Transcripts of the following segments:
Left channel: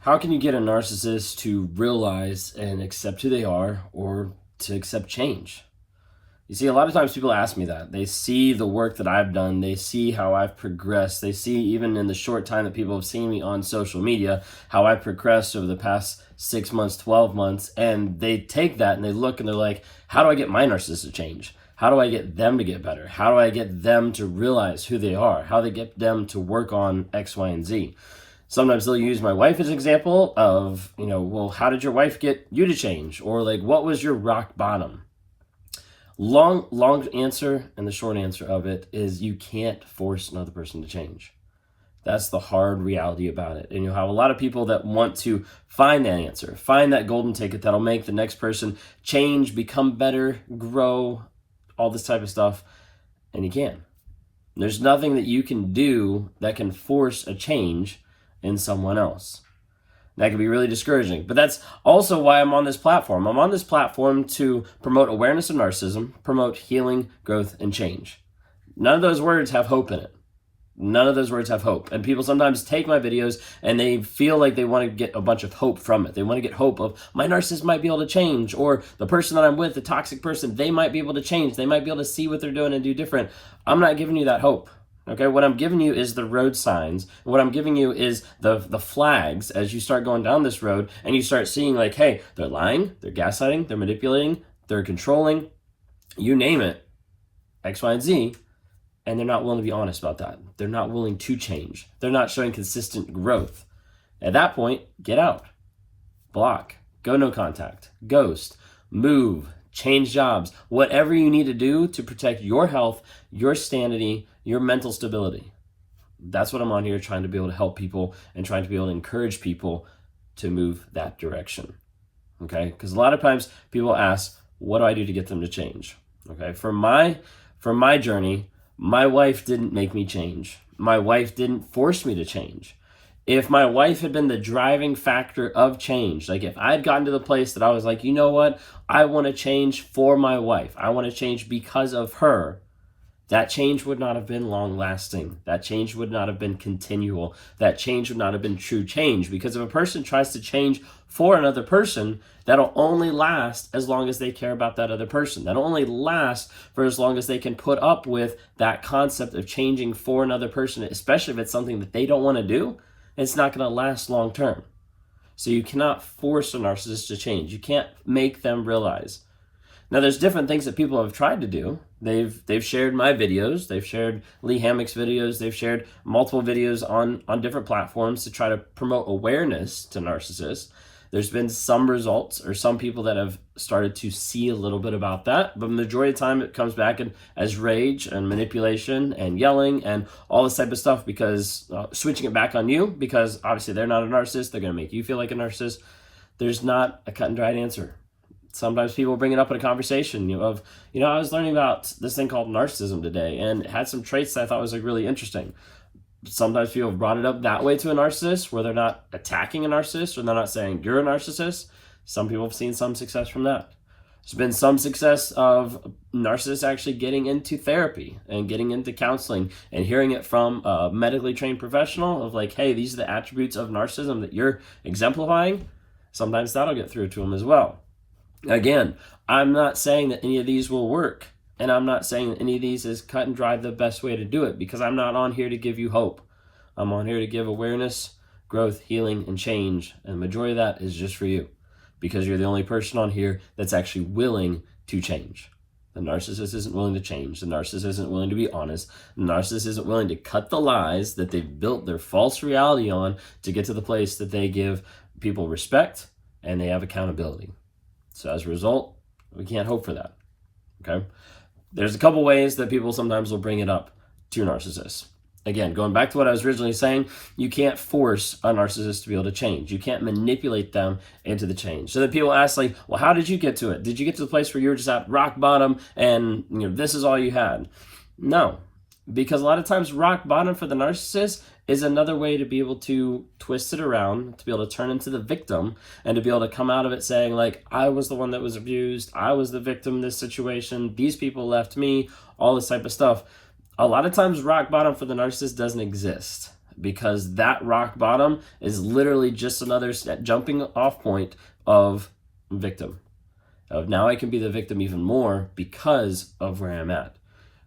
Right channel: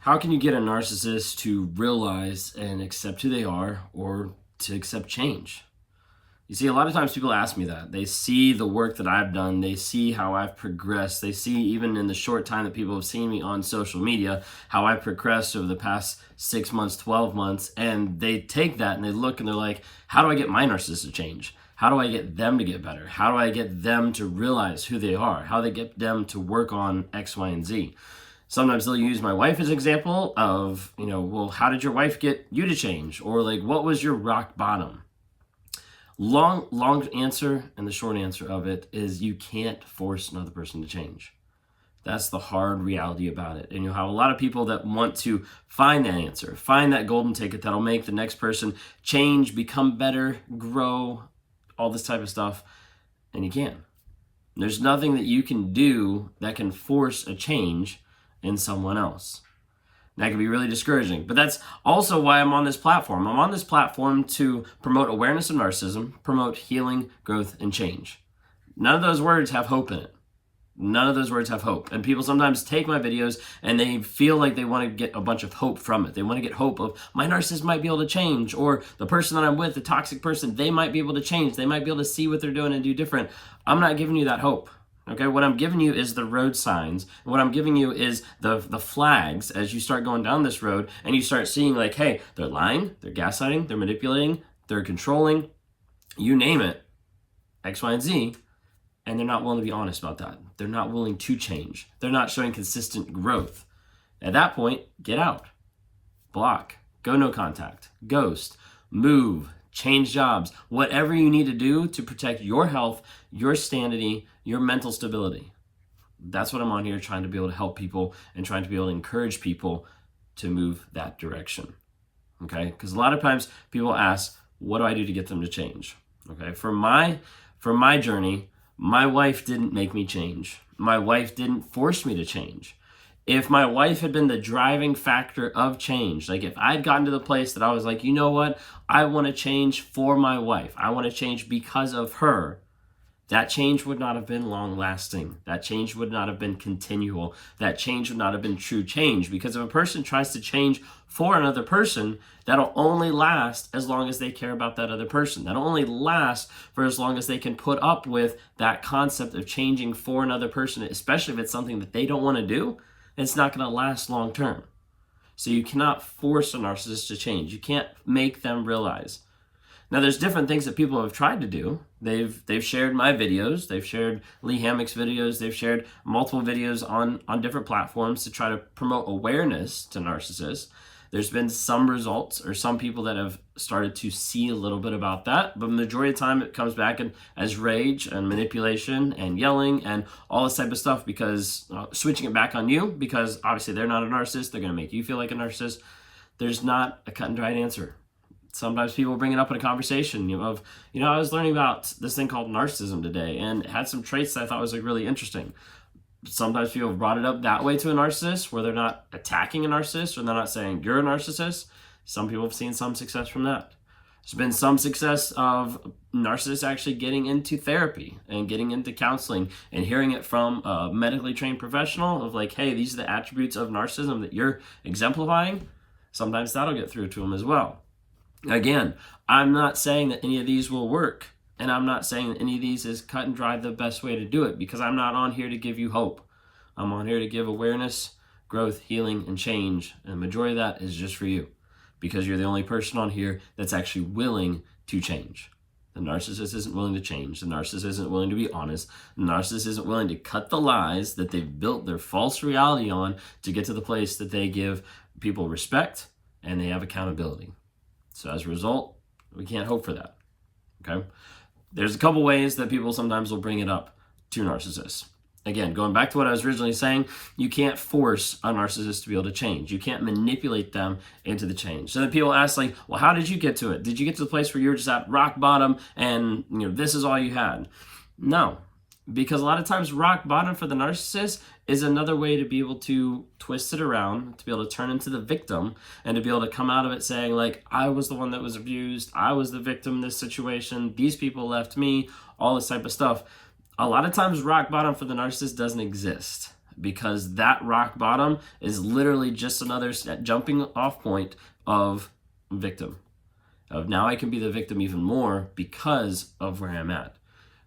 How can you get a narcissist to realize and accept who they are or to accept change? You see, a lot of times people ask me that. They see the work that I've done. They see how I've progressed. They see, even in the short time that people have seen me on social media, how I've progressed over the past 6 months, 12 months. And they take that and they look and they're like, how do I get my narcissist to change? How do I get them to get better? How do I get them to realize who they are? How do I get them to work on X, Y, and Z? Sometimes they'll use my wife as an example of, well, how did your wife get you to change? Or like, what was your rock bottom? Long answer, and the short answer of it is you can't force another person to change. That's the hard reality about it. And you'll have a lot of people that want to find that answer, find that golden ticket that'll make the next person change, become better, grow, all this type of stuff. And you can't. There's nothing that you can do that can force a change in someone else. That can be really discouraging. But that's also why I'm on this platform. I'm on this platform to promote awareness of narcissism, promote healing, growth, and change. None of those words have hope in it. None of those words have hope. And people sometimes take my videos and they feel like they want to get a bunch of hope from it. They want to get hope of my narcissist might be able to change, or the person that I'm with, the toxic person, they might be able to change. They might be able to see what they're doing and do different. I'm not giving you that hope. Okay, what I'm giving you is the road signs. What I'm giving you is the flags as you start going down this road and you start seeing like, hey, they're lying, they're gaslighting, they're manipulating, they're controlling, you name it, X, Y, and Z, and they're not willing to be honest about that. They're not willing to change. They're not showing consistent growth. At that point, get out, block, go no contact, ghost, move, change jobs, whatever you need to do to protect your health, your sanity, your mental stability. That's what I'm on here trying to be able to help people and trying to be able to encourage people to move that direction. Okay? Because a lot of times people ask, what do I do to get them to change? Okay? For my journey, my wife didn't make me change. My wife didn't force me to change. If my wife had been the driving factor of change, like if I'd gotten to the place that I was like, you know what, I want to change for my wife, I want to change because of her, that change would not have been long lasting. That change would not have been continual. That change would not have been true change. Because if a person tries to change for another person, that'll only last as long as they care about that other person. That'll only last for as long as they can put up with that concept of changing for another person, especially if it's something that they don't want to do. It's not going to last long term. So you cannot force a narcissist to change. You can't make them realize. Now, there's different things that people have tried to do. They've shared my videos. They've shared Lee Hammock's videos. They've shared multiple videos on different platforms to try to promote awareness to narcissists. There's been some results or some people that have started to see a little bit about that, but the majority of the time it comes back as rage and manipulation and yelling and all this type of stuff, because switching it back on you, because obviously they're not a narcissist. They're going to make you feel like a narcissist. There's not a cut and dried answer. Sometimes people bring it up in a conversation I was learning about this thing called narcissism today, and it had some traits that I thought was like really interesting. Sometimes people have brought it up that way to a narcissist, where they're not attacking a narcissist or they're not saying you're a narcissist. Some people have seen some success from that. There's been some success of narcissists actually getting into therapy and getting into counseling and hearing it from a medically trained professional of like, hey, these are the attributes of narcissism that you're exemplifying. Sometimes that'll get through to them as well. Again, I'm not saying that any of these will work, and I'm not saying that any of these is cut and dry the best way to do it, because I'm not on here to give you hope. I'm on here to give awareness, growth, healing, and change, and the majority of that is just for you, because you're the only person on here that's actually willing to change. The narcissist isn't willing to change. The narcissist isn't willing to be honest. The narcissist isn't willing to cut the lies that they've built their false reality on to get to the place that they give people respect and they have accountability. So as a result, we can't hope for that, okay? There's a couple ways that people sometimes will bring it up to narcissists. Again, going back to what I was originally saying, you can't force a narcissist to be able to change. You can't manipulate them into the change. So that people ask like, well, how did you get to it? Did you get to the place where you were just at rock bottom and this is all you had? No, because a lot of times rock bottom for the narcissist is another way to be able to twist it around, to be able to turn into the victim and to be able to come out of it saying like, I was the one that was abused. I was the victim in this situation. These people left me, all this type of stuff. A lot of times rock bottom for the narcissist doesn't exist. because that rock bottom is literally just another jumping off point of victim. Of now I can be the victim even more because of where I'm at.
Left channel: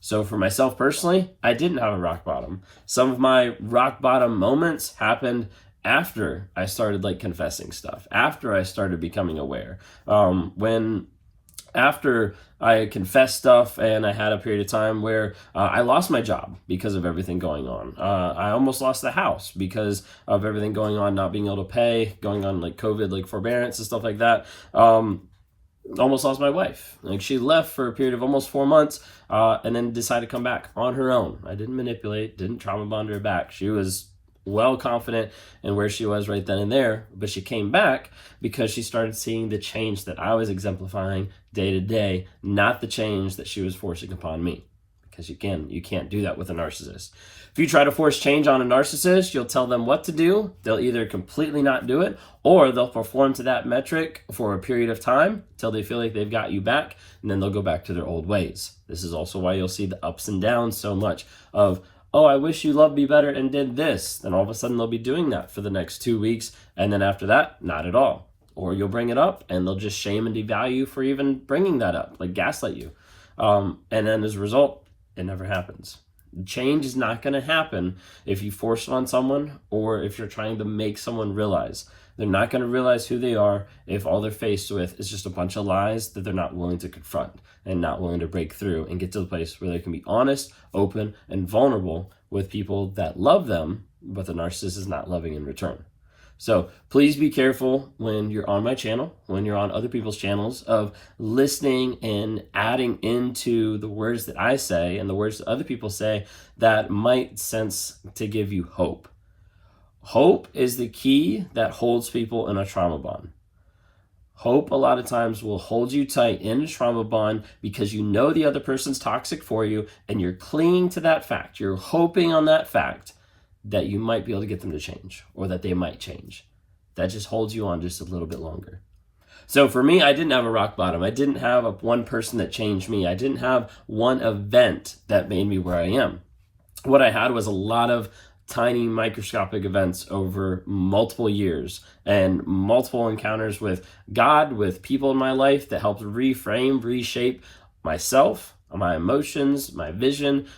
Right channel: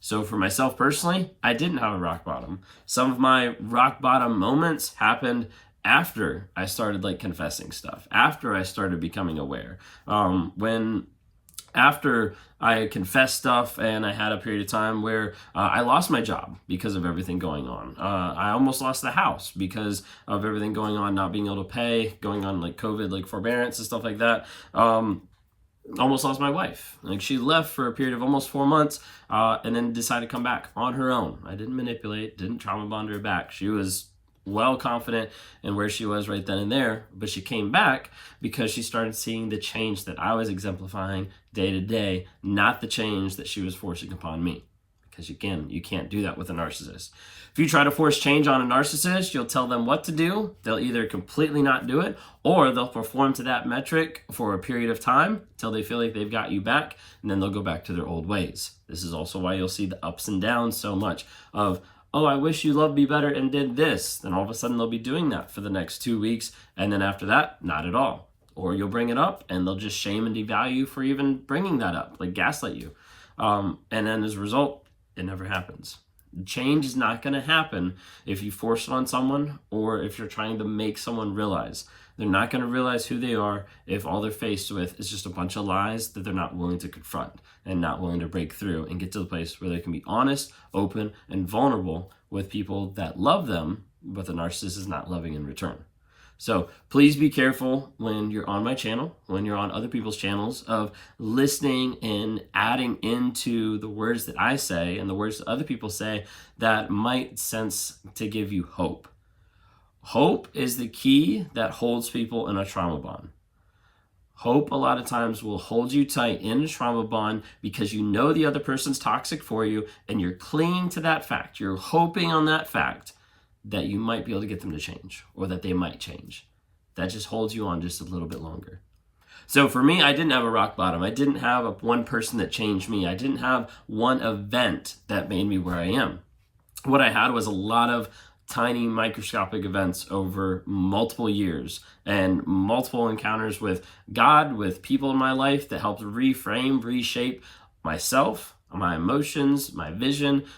So for myself personally, I didn't have a rock bottom. Some of my rock bottom moments happened after I started like confessing stuff, after I started becoming aware. After I confessed stuff and I had a period of time where I lost my job because of everything going on. I almost lost the house because of everything going on, not being able to pay, going on like COVID, like forbearance and stuff like that. Almost lost my wife. Like she left for a period of almost 4 months and then decided to come back on her own. I didn't manipulate, didn't trauma bond her back. She was well confident in where she was right then and there, but she came back because she started seeing the change that I was exemplifying day to day, not the change that she was forcing upon me. Because again, you can't do that with a narcissist. If you try to force change on a narcissist, you'll tell them what to do. They'll either completely not do it, or they'll perform to that metric for a period of time until they feel like they've got you back, and then they'll go back to their old ways. This is also why you'll see the ups and downs so much of, oh, I wish you loved me better and did this. Then all of a sudden they'll be doing that for the next 2 weeks. And then after that, not at all. Or you'll bring it up and they'll just shame and devalue you for even bringing that up, like gaslight you. And then as a result, it never happens. Change is not going to happen if you force it on someone or if you're trying to make someone realize. They're not going to realize who they are if all they're faced with is just a bunch of lies that they're not willing to confront and not willing to break through and get to the place where they can be honest, open, and vulnerable with people that love them, but the narcissist is not loving in return. So please be careful when you're on my channel, when you're on other people's channels, of listening and adding into the words that I say and the words that other people say that might sense to give you hope. Hope is the key that holds people in a trauma bond. Hope a lot of times will hold you tight in a trauma bond because you know the other person's toxic for you and you're clinging to that fact. You're hoping on that fact that you might be able to get them to change or that they might change. That just holds you on just a little bit longer. So for me, I didn't have a rock bottom. I didn't have one person that changed me. I didn't have one event that made me where I am. What I had was a lot of tiny microscopic events over multiple years and multiple encounters with God, with people in my life that helped reframe, reshape myself, my emotions, my vision,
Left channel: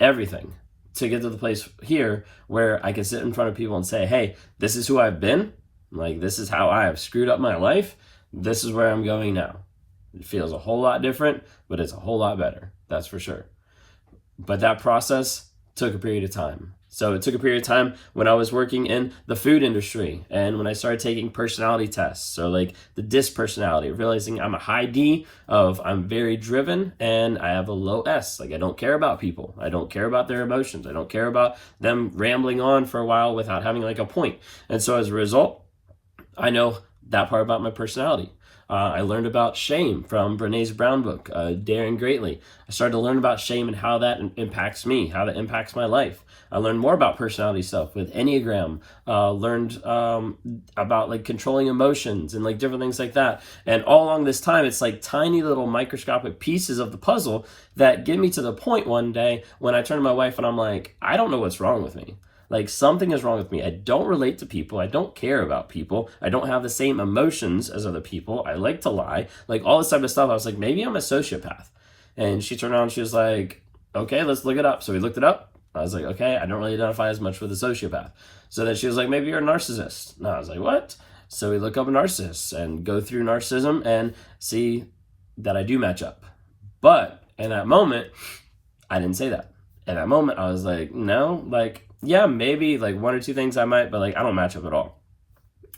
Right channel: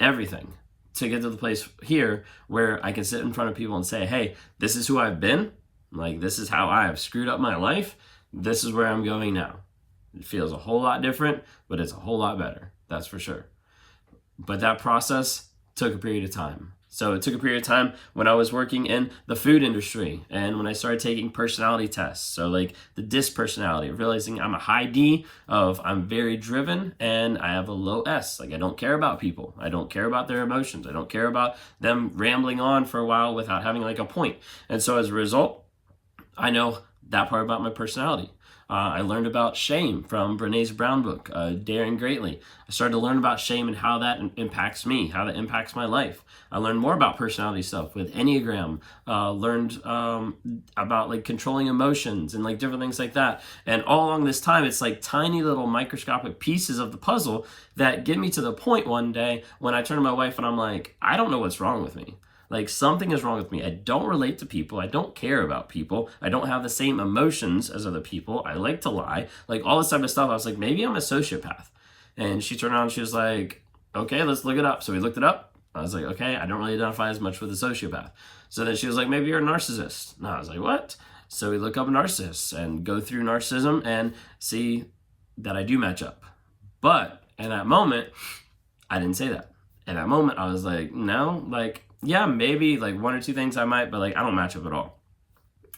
everything, to get to the place here where I can sit in front of people and say, hey, this is who I've been. Like, this is how I have screwed up my life. This is where I'm going now. It feels a whole lot different, but it's a whole lot better. That's for sure. But that process took a period of time. So it took a period of time when I was working in the food industry and when I started taking personality tests. So like the DISC personality, realizing I'm a high D of I'm very driven and I have a low S. Like I don't care about people. I don't care about their emotions. I don't care about them rambling on for a while without having like a point. And so as a result, I know that part about my personality. I learned about shame from Brené's Brown book, Daring Greatly. I started to learn about shame and how that impacts me, how that impacts my life. I learned more about personality stuff with Enneagram, learned about like controlling emotions and like different things like that. And all along this time, it's like tiny little microscopic pieces of the puzzle that get me to the point one day when I turn to my wife and I'm like, I don't know what's wrong with me. Like something is wrong with me. I don't relate to people. I don't care about people. I don't have the same emotions as other people. I like to lie. Like all this type of stuff. I was like, maybe I'm a sociopath. And she turned around and she was like, okay, let's look it up. So we looked it up. I was like, okay, I don't really identify as much with a sociopath. So then she was like, maybe you're a narcissist. And I was like, what? So we look up a narcissist and go through narcissism and see that I do match up. But in that moment, I didn't say that. In that moment, I was like, no, like, yeah, maybe like one or two things I might, but like I don't match up at all.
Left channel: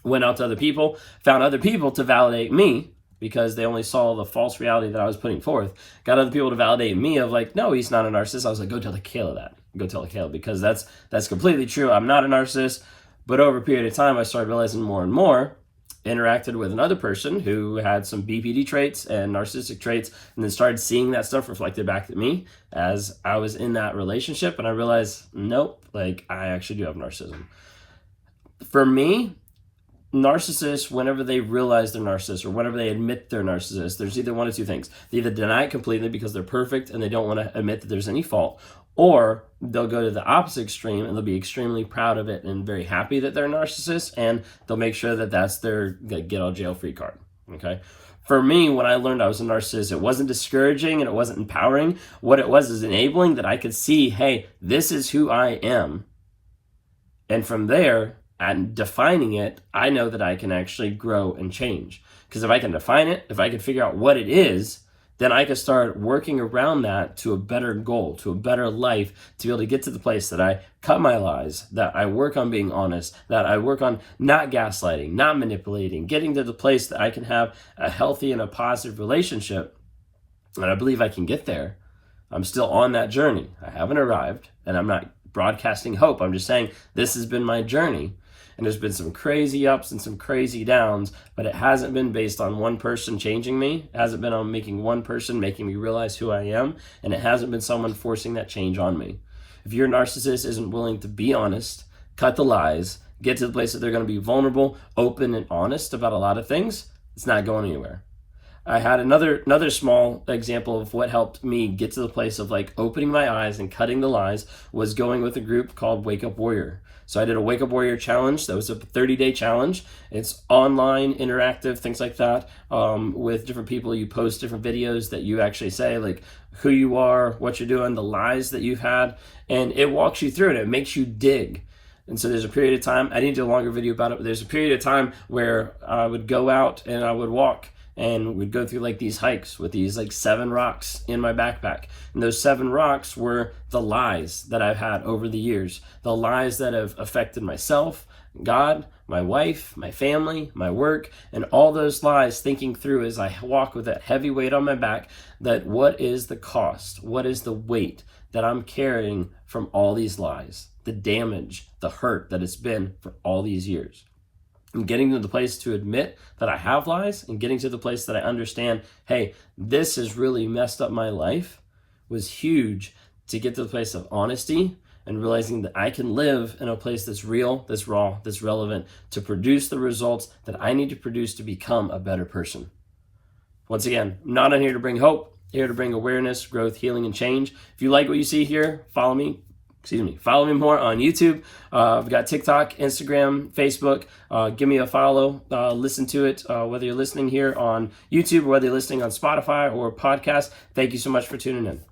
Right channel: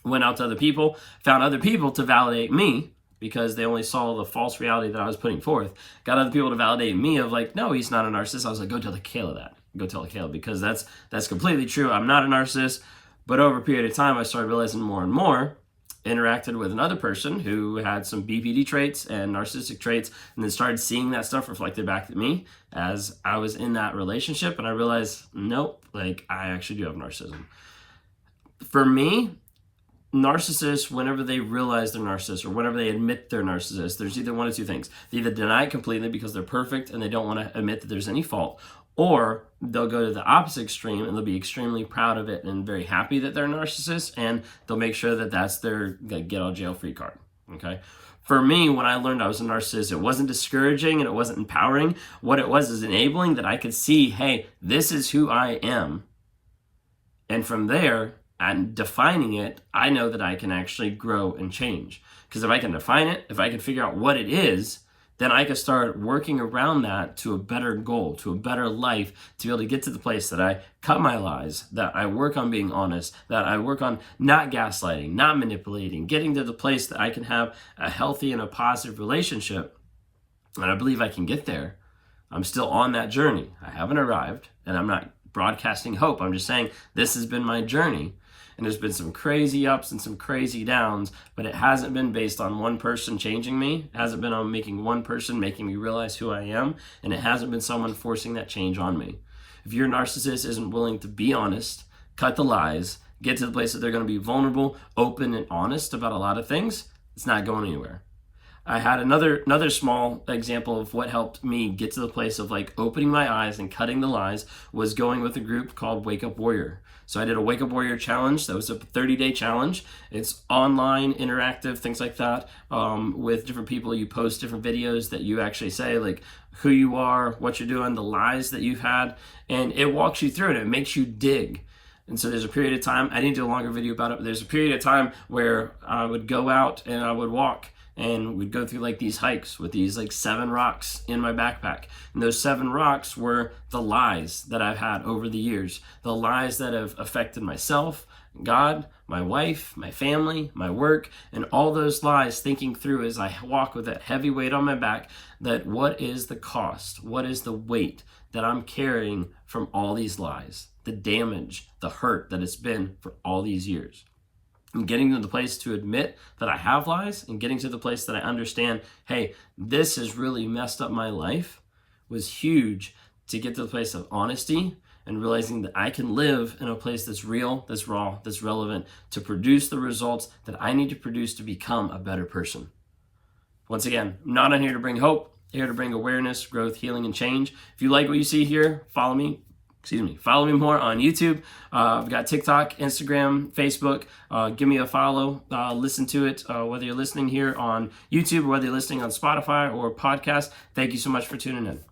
Went out to other people, found other people to validate me because they only saw the false reality that I was putting forth. Got other people to validate me of like, no, he's not a narcissist. I was like, go tell the Kayla that. Go tell the Kayla because that's completely true. I'm not a narcissist. But over a period of time, I started realizing more and more, interacted with another person who had some BPD traits and narcissistic traits, and then started seeing that stuff reflected back at me as I was in that relationship. And I realized, nope, like I actually do have narcissism. For me, narcissists, whenever they realize they're narcissists or whenever they admit they're narcissists, there's either one of two things. They either deny it completely because they're perfect and they don't want to admit that there's any fault, Or they'll go to the opposite extreme and they'll be extremely proud of it and very happy that they're a narcissist, and they'll make sure that that's their get out of jail free card. Okay. For me, when I learned I was a narcissist, it wasn't discouraging and it wasn't empowering. What it was is enabling that I could see, hey, this is who I am. And from there, and defining it, I know that I can actually grow and change. Because if I can define it, if I can figure out what it is, then I can start working around that to a better goal, to a better life, to be able to get to the place that I cut my lies, that I work on being honest, that I work on not gaslighting, not manipulating, getting to the place that I can have a healthy and a positive relationship. And I believe I can get there. I'm still on that journey. I haven't arrived, and I'm not broadcasting hope. I'm just saying this has been my journey. And there's been some crazy ups and some crazy downs, but it hasn't been based on one person changing me. It hasn't been on making one person making me realize who I am. And it hasn't been someone forcing that change on me. If your narcissist isn't willing to be honest, cut the lies, get to the place that they're going to be vulnerable, open, and honest about a lot of things, it's not going anywhere. I had another small example of what helped me get to the place of like opening my eyes and cutting the lies was going with a group called Wake Up Warrior. So I did a Wake Up Warrior challenge. That was a 30-day challenge. It's online, interactive, things like that, with different people. You post different videos that you actually say like who you are, what you're doing, the lies that you've had, and it walks you through it. It makes you dig. And so there's a period of time, I didn't do a longer video about it, but there's a period of time where I would go out and I would walk and we'd go through like these hikes with these like 7 rocks in my backpack. And those 7 rocks were the lies that I've had over the years, the lies that have affected myself, God, my wife, my family, my work, and all those lies, thinking through as I walk with that heavy weight on my back, that what is the cost? What is the weight that I'm carrying from all these lies, the damage, the hurt that it's been for all these years? And getting to the place to admit that I have lies and getting to the place that I understand, hey, this has really messed up my life, was huge to get to the place of honesty and realizing that I can live in a place that's real, that's raw, that's relevant to produce the results that I need to produce to become a better person. Once again, I'm not on here to bring hope, here to bring awareness, growth, healing, and change. If you like what you see here, follow me more on YouTube. I've got TikTok, Instagram, Facebook. Give me a follow. Listen to it, whether you're listening here on YouTube or whether you're listening on Spotify or podcast. Thank you so much for tuning in.